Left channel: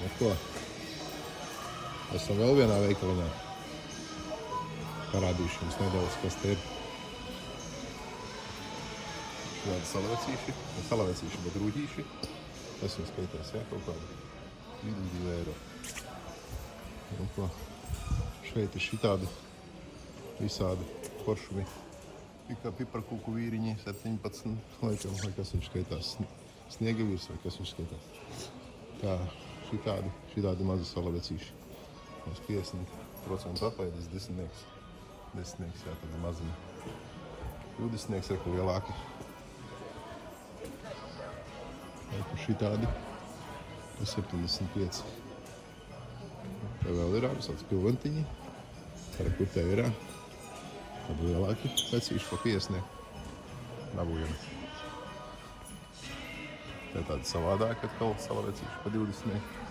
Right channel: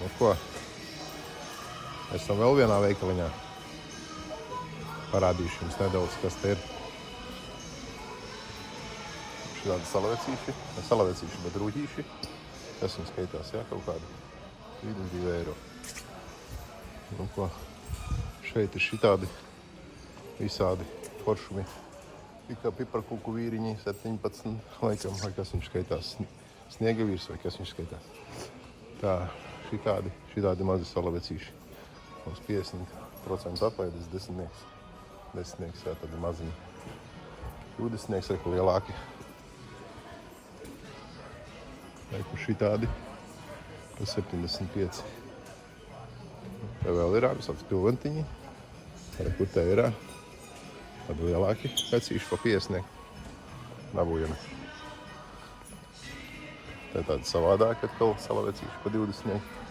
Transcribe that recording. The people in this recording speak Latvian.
Nu ko? Esam vēl vienā veikaliņā. Parādīšu jums nedaudz, kas te ir. Šādi salavecīši, ne salavecīši, bet rūģīši. Tas jums skaitās, jā, kaut kādi 22 eiro. Nu ko? Šeit ir šitādi visādi foršumi. Kā piparkūku vīriņi, 17, laikam, vai kas viņš skaitās, sniegavīrs, vai kas viņš skaitās. Tā, šitādi mazi salavecīši. Mums 50% apēdas, 10, jā, tādi maziņi. 20 ir lielāki. Vai šitādi, 75. Tā vēl ir visāds pilventiņi. Kur te ir tādi lielāki vecīši pa 50. Nabujami. Tā tādi savādāki atkal salavecīši pa 20.